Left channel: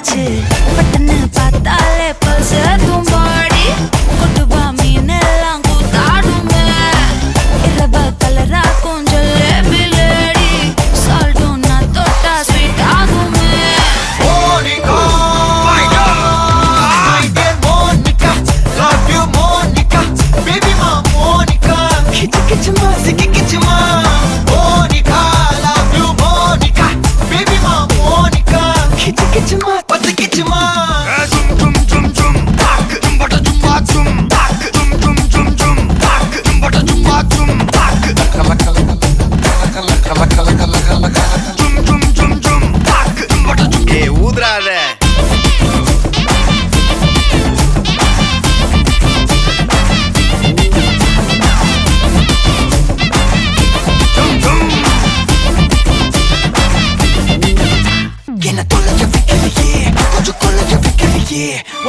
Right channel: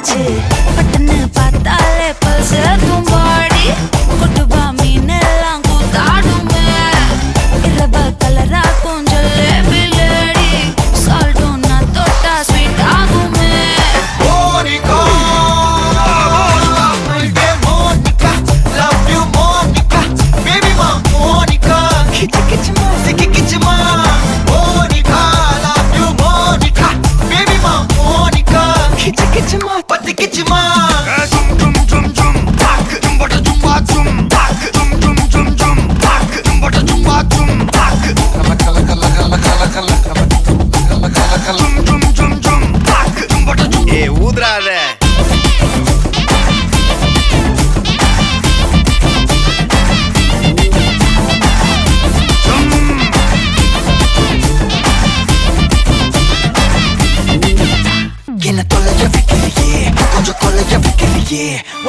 ஆச்சு பட்டுன்னு பார்த்தாலே பல்ஸ் தும்பாடி கொட்டுவா மீன் எல்லாம் கூத்தாடுமே இரவ கலரா கொஞ்சம் லேடி சால்ட்டும் நான் தொட்டா ஸ்வீட் ஆகுமே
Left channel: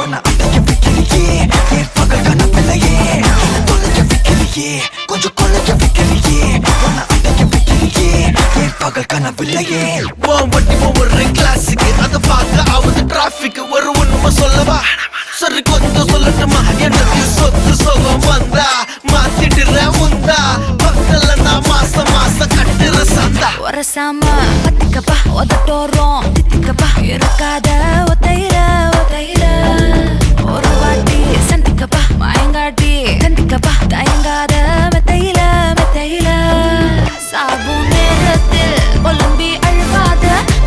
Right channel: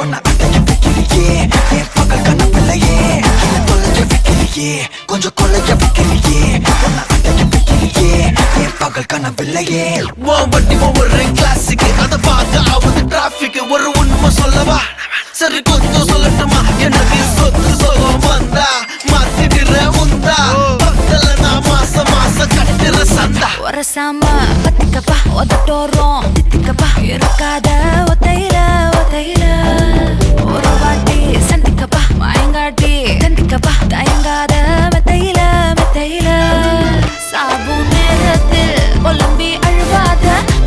ஒன்ன அட்டைக்கு வைக்கிறியே என் பகல் கனவில்லையே என்ன தொலைக்க வைக்கிறியே கொஞ்சம் கொலைக்க வைக்கிறியே ஒன்ன அட்டைக்கு வைக்கிறியே என் பகல் கனவில்லையே வண்டி ஒவ்வொரு கிளாஸுக்கு அதை பார்க்க ஆகுது டிராபிக் ஒரு உண்மை சொல்லவா சரி கொஞ்சம் சொல்லட்டுமா எனக்கு சொத்து சோகம் வந்தா மாத்திடுற உந்தா பக்கத்துல நான் மாசம் கட்டுற சந்தா ஒரசாம பத்திக்கப்பா ஒதட்டோரம் தித்திக்கப்பா இருக்காத ஒத்தையில ஒரு வாட்டி சந்திக்கப்பா மாயங்காட்டி கந்திக்கப்பா தயங்காத மெத்தையில சாபு நேரத்தில் ஒலம்பி அழுவாத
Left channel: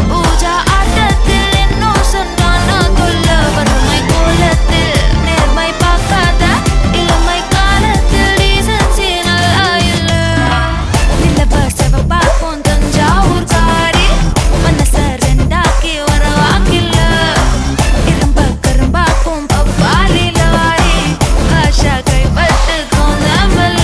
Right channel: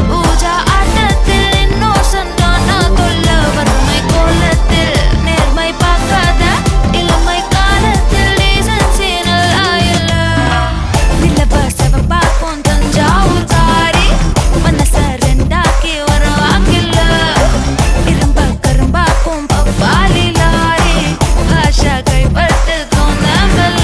பூஜா ஆட்டத்தில் இன்னும் சொன்னானா தொல்ல வறுமை கோலத்தில் நேர்மை பார்க்காத இளமை காலத்தில் டீசன்சி நல்லா இல்ல நிலவ செவப்பாக்கும் தஞ்சாவூர் காரி மனச ரெண்டாக்கி வர வாக்கில்ல இரும்ப கரும்பாக்கும் பப்பாலி லாரி ஆஷா கைப்பட்டுக்கும் நம்பல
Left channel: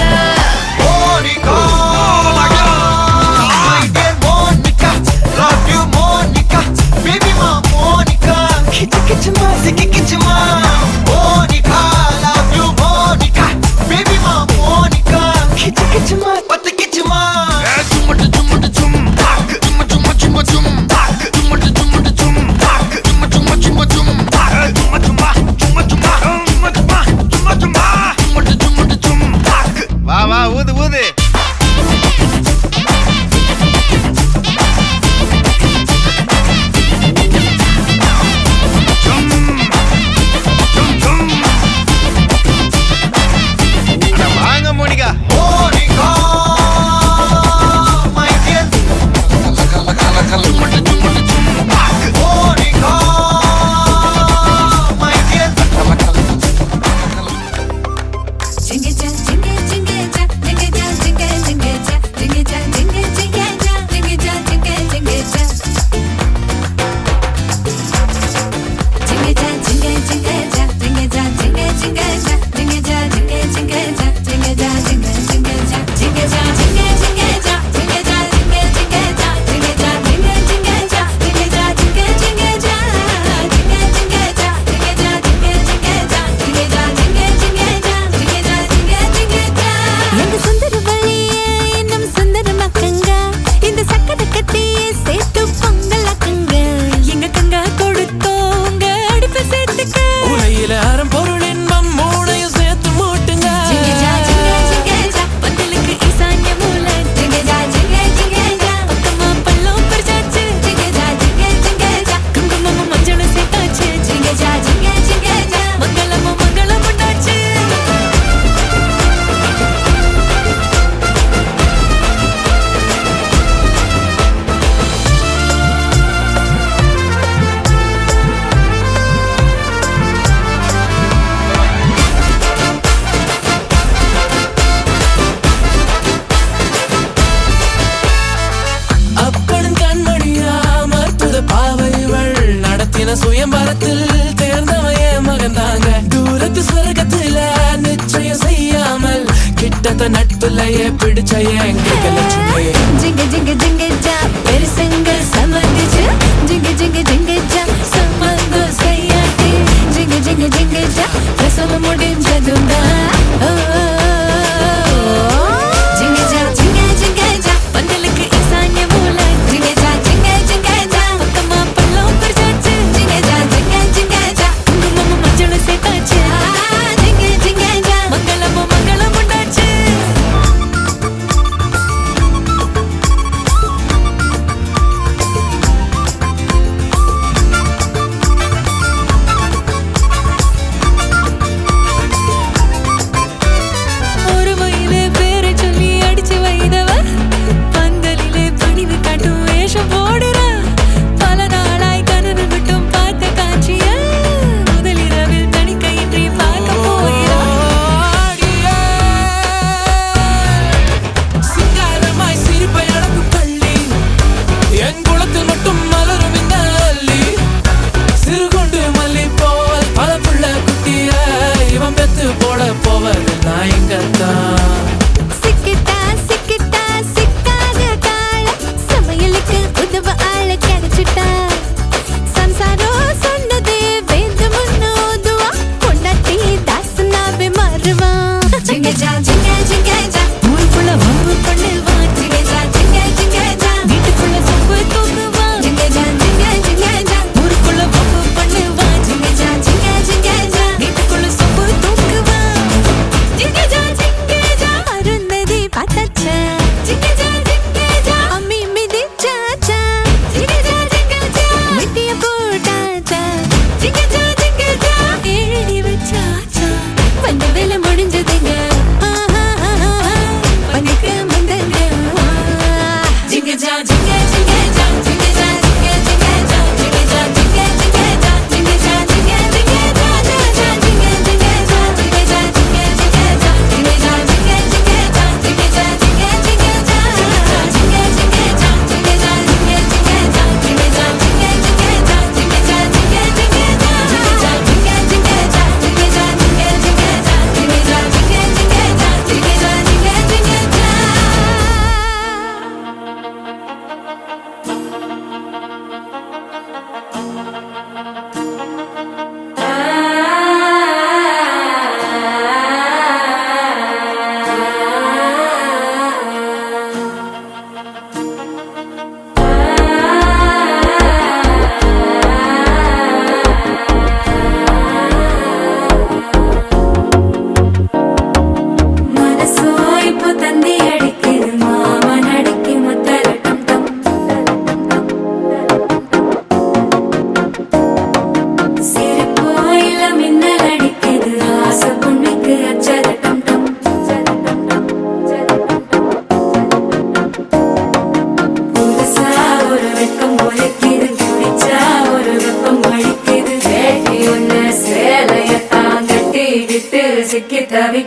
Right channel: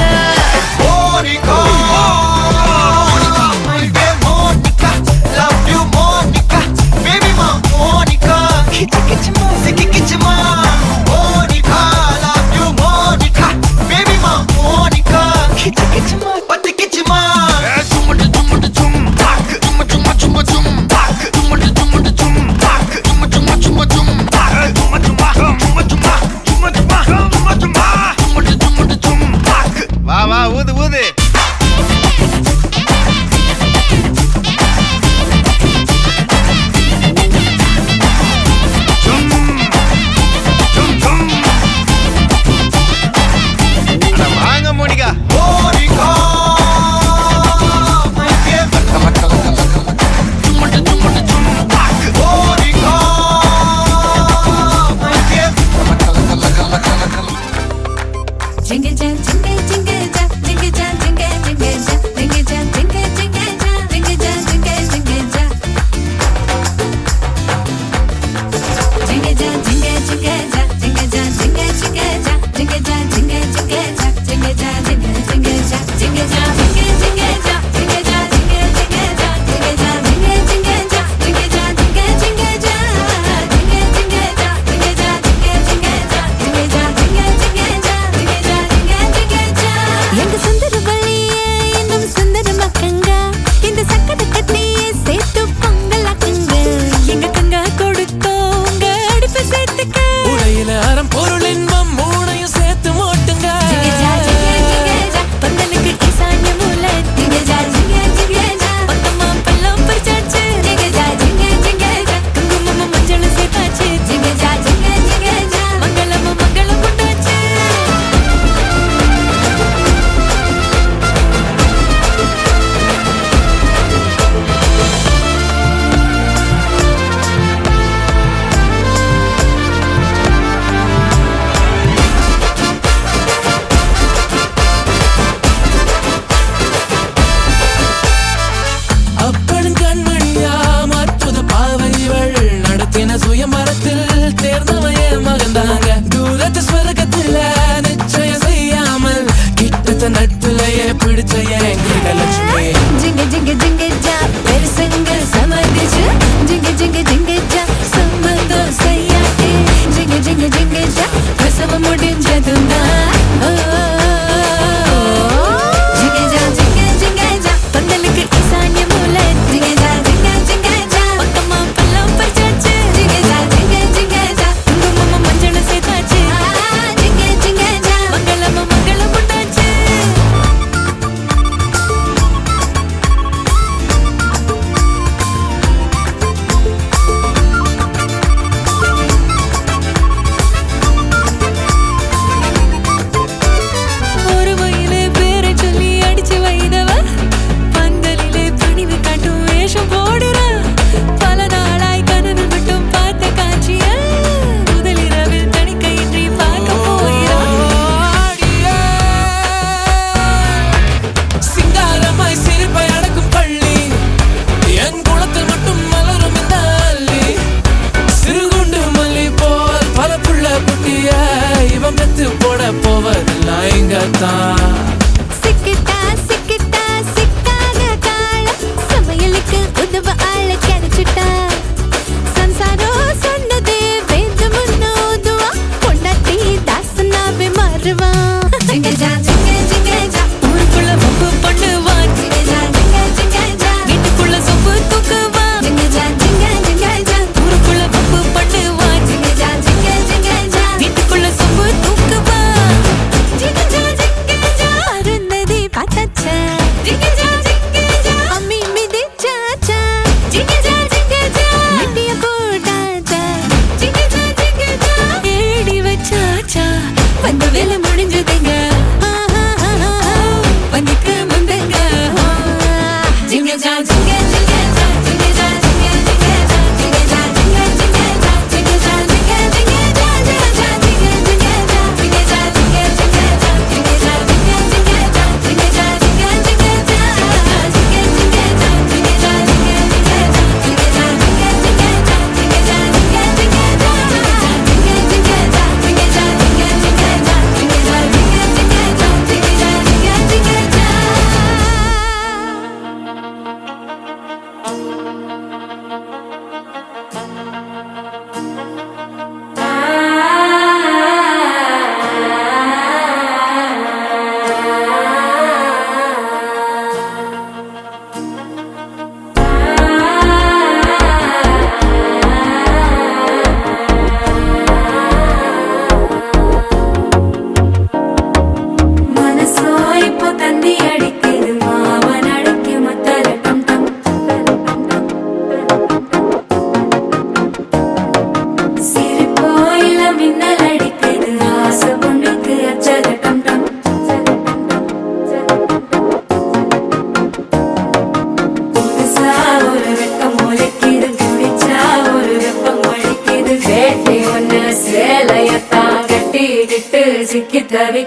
வா ஊது ஊது வாங்க மோனிகா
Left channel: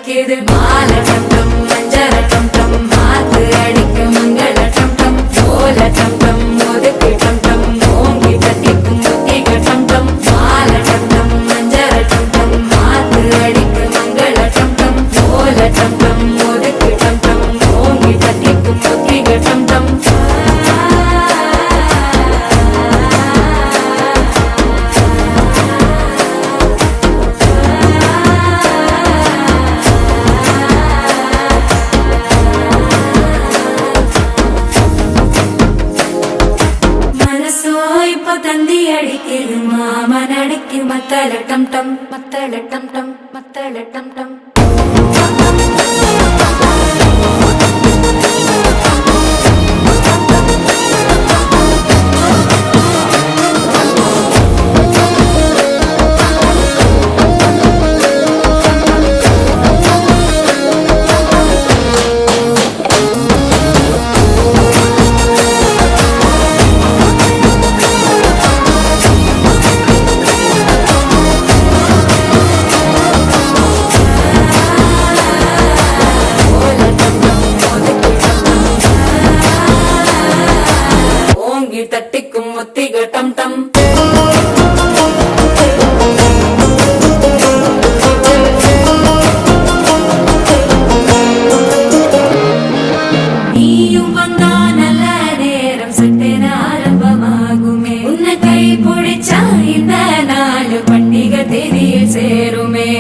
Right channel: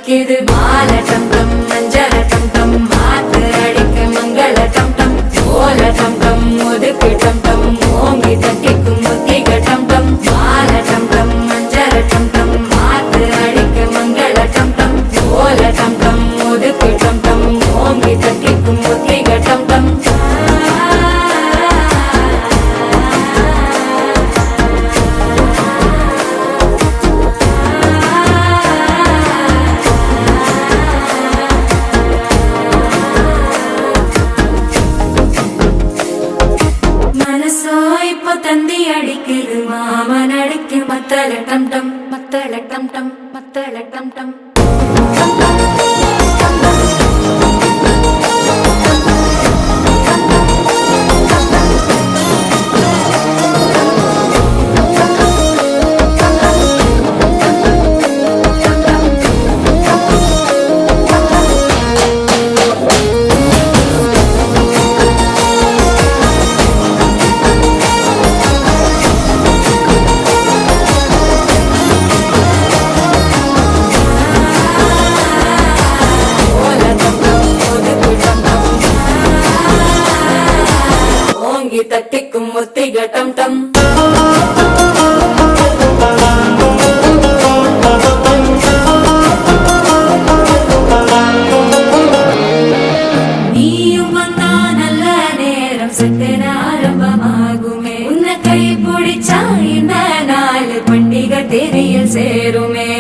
அடிக்குது மாலை டம் டம் மஞ்சள் டம் டம் மாத்து அடிக்க மங்கள டம் டம் ஓல டம் டம் ஒதுக்கு டம் டம் ஓங்கி தட்டிக்கும் முத்திக டம் டம் மாலை டம் டம் மஞ்சள் டம் டம் மாத்து அடிக்க மங்கள டம் டம் ஓல டம் டம் ஒதுக்கு டம் டம் ஓங்கி தட்டிக்கும் முத்திக டம் டம் மனசோ இப்போ தந்தி அடிக்குது மாமன் அடிக்கு மத்தள டம் டம் மத்தள டம் டம் மத்தள டம் டம் ஓங்கி தட்டிக்கும் முத்திக டம் டம் நீயும் வந்தா நல்ல நேரம் சட்டென ஆரம்பமாகுமே உன்னை கை பிடிச்சா இந்த நாள் பண்டிகை தேதியில் சேருமே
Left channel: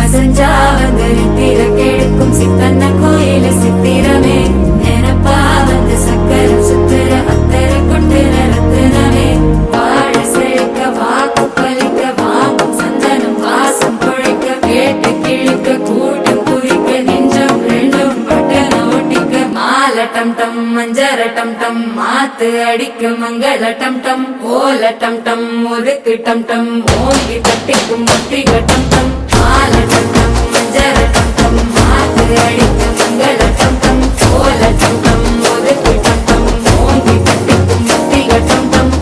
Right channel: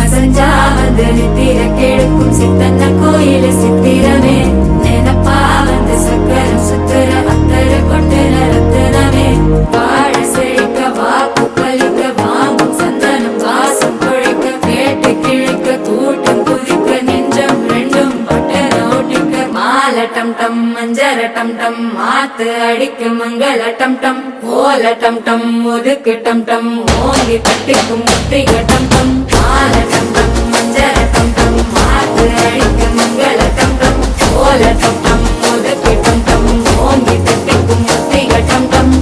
அசஞ்சா வந்து நித்திர கெடுக்கும் சித்தன்ன கோயில் சித்திரமே நினப்பா வந்து சக்கரம் சுத்துற அத்தர கொண்டு நடத்துனவே வாழ செழிக்க வாக்கு பலிக்க வாங்கும் சந்தனம் வாசம் குழைக்க கேட்டு கிழிக்க கூட்டம் குதிக்க நெஞ்சம் ரெண்டும் பட்டன ஒட்டிக்க மாலை டம் டம் மஞ்சர டம் டம் மாத்து அடிக்க மங்கள டம் டம் ஓல டம் டம் ஒதுக்கு டம் டம் ஓங்கி தட்டிக்கும் முத்திக டம் டம் மாலை டம் டம் மஞ்சர டம் டம் மாத்து அடிக்க மங்கள டம் டம் ஓல டம் டம் ஒதுக்கு டம் டம் ஓங்கி தட்டிக்கும் முத்திக டம் டம்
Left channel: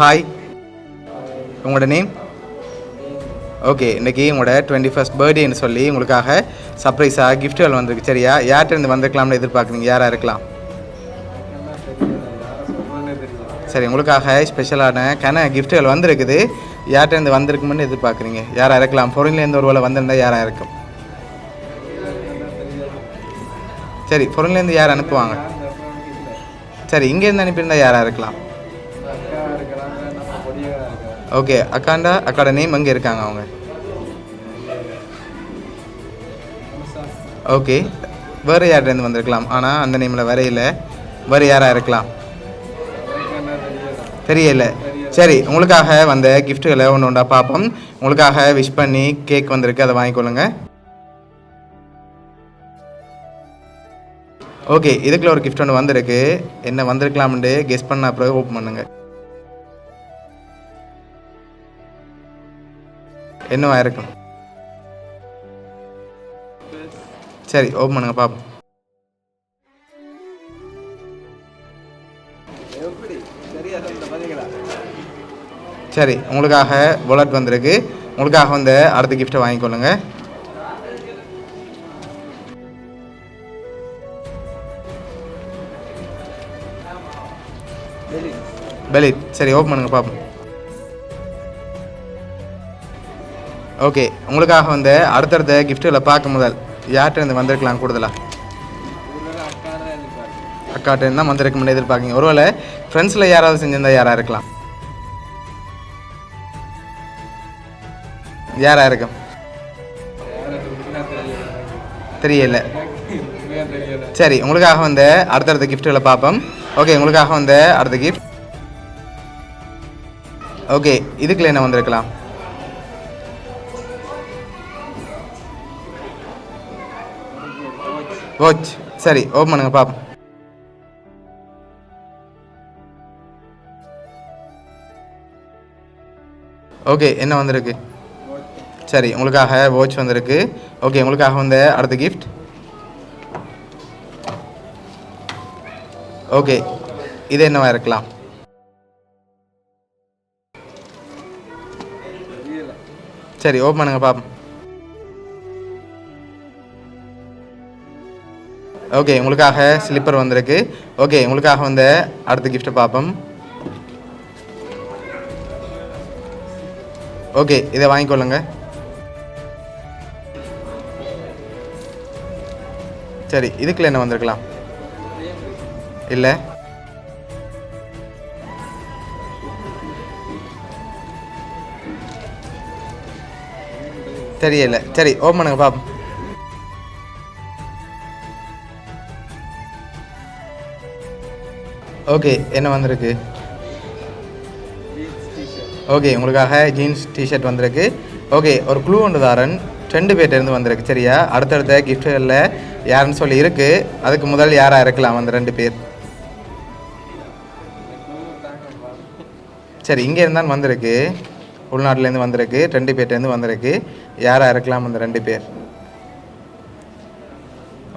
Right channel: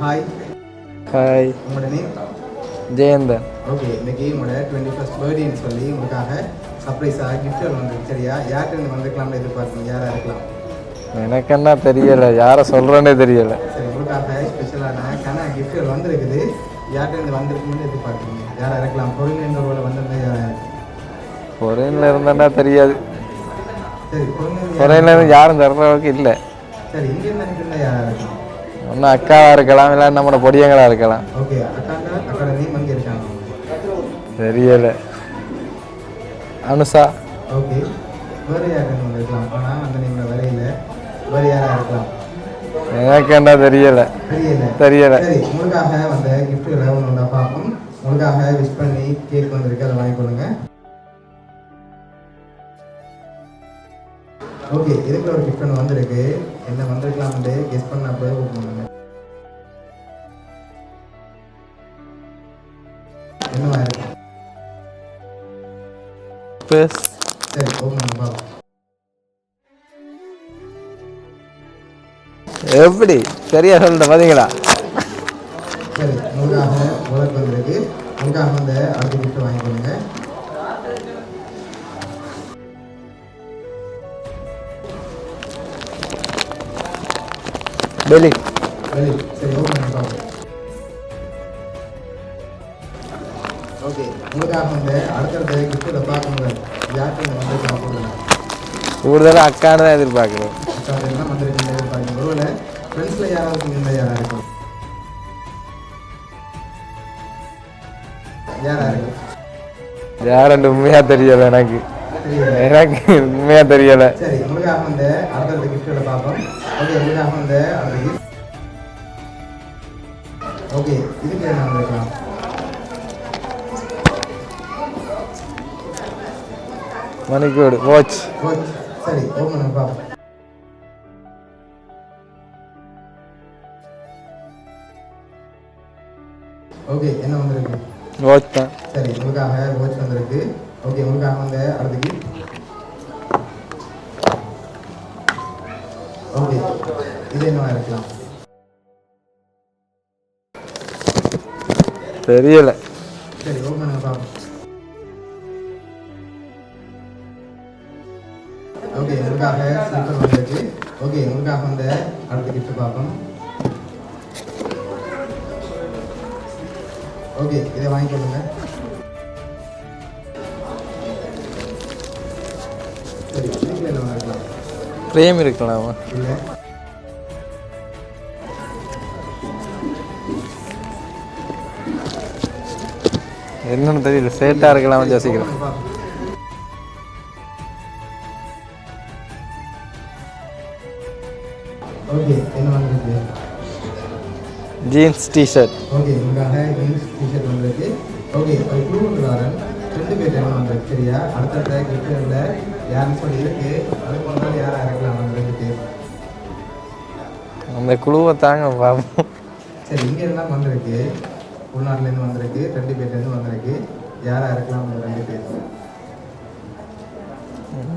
ஹாய், ஹாய், உங்களோட நேம்? ஜெயந்தன். ஓகே, இன்னைக்கு உங்களோட 21st பர்த்டேன்னு சொல்லி உங்களுக்காக சர்ப்ரைஸாக கிஃப்ட்கள் வந்திருக்கு. சரியா? யார்கிட்ட இருந்து வந்திருக்கலாம்னு எதிர்பார்க்குறீங்க? யாராக இருக்கலாம்? எனக்கு என்ன தெரியல, யாரை சொல்கிறேன்னே தெரியல. சரி, உங்களுக்காக ஸ்பெஷலான கிஃப்ட்கள் வந்திருக்குது. யார்கிட்ட இருந்து வந்திருக்குமென்னு எதிர்பார்க்குறீங்க? யாராக இருக்கலாம்? ஃபாரின்லேருந்து ஒரு வேளை வந்திருந்தால் யாராக இருக்கும்? பொருளில் இருந்தேன்னா தெரியாது. சரி, ஃபாரின்லேருந்து யாரும் தர்ற அளவுக்கு இல்லை. சரி, இங்கேருந்து அனுப்பியிருந்தால் யாராக இருக்கலாம்? ஒன்றும் அக்காவாக இருக்கலாம், இல்லை நம்மளோட பொடியங்களாக இருக்கலாம். ஓகே, அக்காட நேம் எங்கே இருக்காங்க அவங்க? தெரியல. அனுஷா. ஓகே, வேறு யார்கிட்ட வந்திருக்கலாம்? ஆனால் அந்த நேமில் வரையில. வேறு யாராக இருக்கலாம்? எனக்கு என்ன தெரியல. சரி, உங்களுக்காக வந்த கிஃப்ட்டுகளை ஒன்று ஒன்றா பார்ப்போம். உங்களுக்காக விஷ் பண்ணி கேக் வந்திருக்கு, அதை வாங்கிக்கொள்ளுங்க. ஓகே, இதுக்குள்ள ஒரு கிஃப்ட் ஒன்று வந்திருக்கு. என்ன வந்திருக்கலாம்னு கெஸ் பண்ண அப்புறம் ஓப்பன் பண்ணுங்க. என்னவா இருக்கும்? சரி, ஓப்பன் பண்ணுங்க பார்ப்போம். எப்படி சரியா சொல்லிட்ட பார்த்தீங்களா? சரி, உங்களுக்காக வாலெட் வந்திருக்கு. உங்களுக்காக வந்து அடுத்த கிஃப்ட்டை வாங்கிக்கொள்ளுங்க. பெலி. சரி, ஓப்பன் பண்ணுங்க பார்ப்போம். ஓகே, உங்களுக்காக வந்து அடுத்தடுத்த கிஃப்ட்டுகளை பார்க்க முதல் யார்கிட்ட இருந்து வந்திருக்கலாம்? கூடுதலாக அக்கான்னு தான் எதிர்பார்க்குறேன். அக்காட்ட இருந்து தான் வந்திருக்குன்னு எதிர்பார்க்குங்க. ஒருவேளை ஃப்ரெண்ட்ஸில் யாராவது செஞ்சிருந்தா யாராக இருக்கலாம்? யாராக இருக்கும்? யாருன்னு உண்மையாக தெரியல. எனக்கு உண்மையாக தெரியல. சரி, உங்களுக்காக வந்து அடுத்தடுத்த கிஃப்ட்டுகளை பார்ப்போம். ஓகே, உங்களுக்காக வந்து அடுத்த கிஃப்ட். ஓகே, இதுக்குள்ள என்ன வந்திருக்கலாம்? மணிக்கூடு வாட்ச். சரி, ஓப்பன் பண்ணுங்க பார்ப்போம். ஓகே, என்ன வந்திருக்கு? வாட்ச் தான். சரி, உங்களுக்காக வாட்ச் வந்திருக்கு. ஓகே, உங்களுக்காக வந்த அடுத்த கிஃப்ட். ஓகே, இது என்னவா இருக்கலாம்? தெரியல. சரி, ஓப்பன் பண்ணுங்க பாப்போம். ஓகே, உங்களுக்காக ஸ்லிப்பர் வந்திருக்கு. ஓகே, உங்களுக்காக வந்த அடுத்த கிஃப்ட்டை பார்ப்போம். ஓகே, இதை வாங்கிக்கொள்ளுங்க. சரி, இதுக்குள்ள என்ன வந்திருக்கலாம்? ஃப்ரேம் இருக்கலாமா? இல்லை. என்னன்னு தெரியல. சரி, சேட்டா இருக்கலாம். சரி, ஓப்பன் பண்ணுங்க பாப்போம். ஓகே, என்ன வந்திருக்கு? Jeans T shirt. ஓகே, உங்களுக்காக ஜீன்ஸ் டிஷர்ட் வந்திருக்கு. ஓகே, ஒரு க்ளூ ஒன்று தாரன். 2 பேர்ட்டேருந்து வந்திருக்கு. சரியா? அடுத்தடுத்த கிஃப்ட்டுகளில் யாருன்னு சொல்லி இருக்கு. அதுக்கு முதல் யாராக இருக்கலாம் அந்த 2 பேர்? அந்த குழுவை தாங்க பாப்போம். சரி, இங்கே இருந்தாலும் வந்திருக்கு. உள்நாட்டிலேருந்து வந்திருக்கு. 2 பேர்ட்டேருந்து வந்திருக்கு. யாராக இருக்கலாம் அந்த 2 பேர்?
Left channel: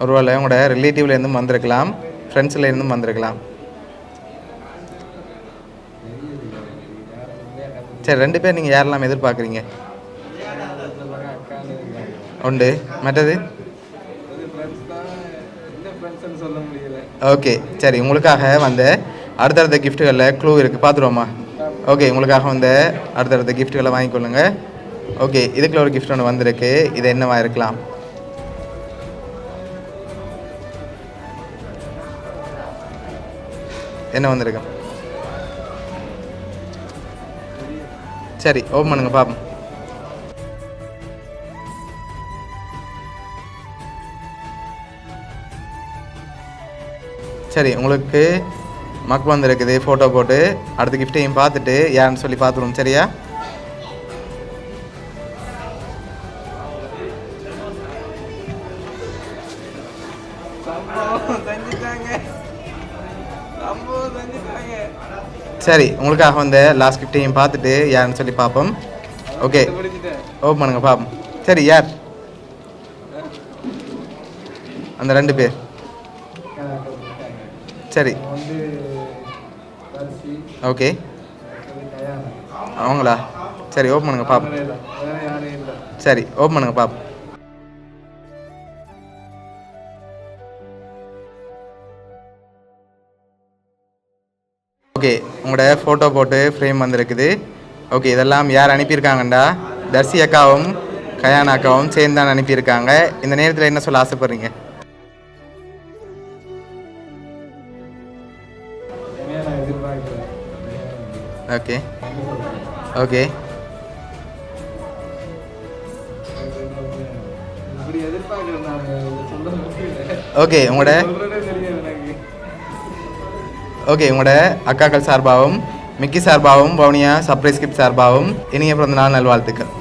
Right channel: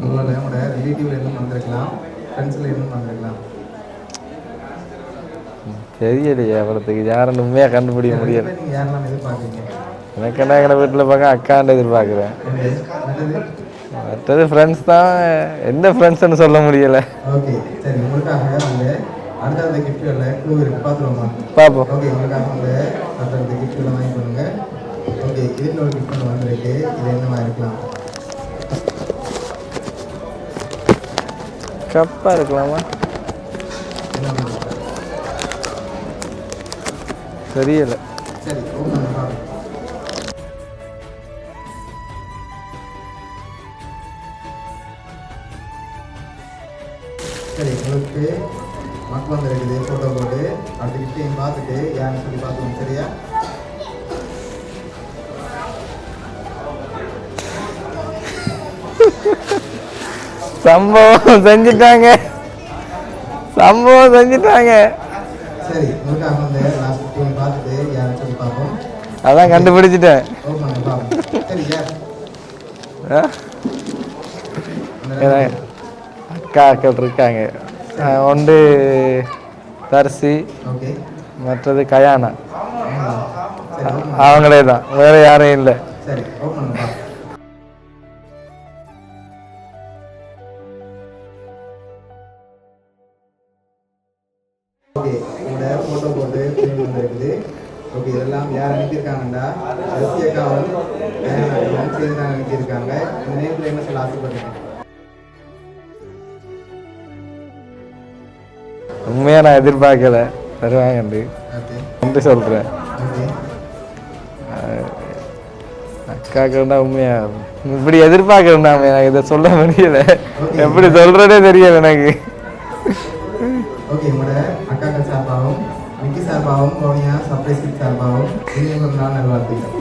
ஒருவேளை உங்களோட ரிலேட்டிவ்லேருந்தும் வந்திருக்கலாம், ஃப்ரெண்ட்ஸ்லேருந்தும் வந்திருக்கலாம். தெரியலையே அவ்வளோத்துக்கு யாருன்னு உண்மையாக கண்டுபிடிக்க. சரி, 2 பேர் நீங்கள் யாரெல்லாம் எதிர்பார்க்குறீங்க? எனக்கு என்ன எங்களை வீட்டில் பார்க்க அக்காண்டு எதிர்பார்க்குறேன். உண்டு. மற்றது ஃப்ரெண்ட்ஸ் தான். எந்த ஃப்ரெண்ட்ஸ்ன்னு சொல்ல முடியல. ஓகே, சரி, உங்களுக்காக வந்து அடுத்தடுத்த கிஃப்ட்டுகளில் க்ளூ இருக்குது. பார்த்துருவோமா? பார்ப்போம். ஓகே, உங்களுக்காக வந்து அடுத்தடுத்த கிஃப்ட்டுகளை வாங்கிக்கொள்ளுங்க. ஓகே, இதுக்குள்ள ஒரு கிஃப்ட் ஒன்று வந்திருக்கு. இது என்னவா இருக்கலாம்? கப்பாக இருக்கலாமா? என்ன வந்திருக்கு? தெரியல. சரி, ஓப்பன் பண்ணுங்க பாப்போம். சரி, உங்களுக்கு மக் வந்திருக்குது. ஃபோட்டோ போட்டு அடுத்த கிஃப்ட்டையும் பார்த்துட்டு யாருன்னு சொல்லி பார்த்துருவோம். சரியா? சம்பவம் செஞ்சுட்டாங்க. சரி, உங்களுக்காக வந்து லாஸ்ட் கிஃப்ட்டையும் பார்த்துட்டு யாருன்னு சொல்லி பார்ப்போம். அதான் கண்டுபிடிச்சிட்டேன். ஓப்பன் பண்ணுங்க பாப்போம். சரி, யார் அந்த 2 பேர்? அக்காக்கள் இருக்காங்க. சரி, ஒன்று தர்சி. ஓகே, மற்றது கயானா. அவங்களா? சரி, ஓப்பன் பண்ணுங்க. அவங்களே தான், வேற யாரும் இல்லை. சரி, ஓப்பன் பண்ணுங்க பாப்போம். ஓகே, உங்களோட ஃபோட்டோ போட்டு ஃப்ரேம் வந்திருக்குது. ஓகே, இதெல்லாம் யார் அனுப்பியிருக்காங்கண்டா தர்சி அக்காவும் கயானா அக்காவும் சேர்ந்து தான் அனுப்பியிருக்காங்க. இந்த நேரத்தில் என்ன சொல்ல ஆசைப்படுறீங்க? உண்மையாக நான் எதிர்பார்க்கல தருவாங்க. ஓகே, என்று சொல்கிறேன். ஓகே, அக்காக்கள் தான் உண்மையா இப்படி எதிர்பார்க்கறேன். எனக்கு இதை சொல்ல முடியல. ஓகே, எப்படி சொல்கிறதே தெரியல எனக்கு. ஓகே, உங்களோட அக்காக்கள் சார்பாகவும் மிக்கி சார்பாகவும் பவுனியா சர்ப்ரைஸ் கிஃப்ட் சார்பாகவும் இனிய பிறந்த நாள் நல்வாழ்த்துக்கள்.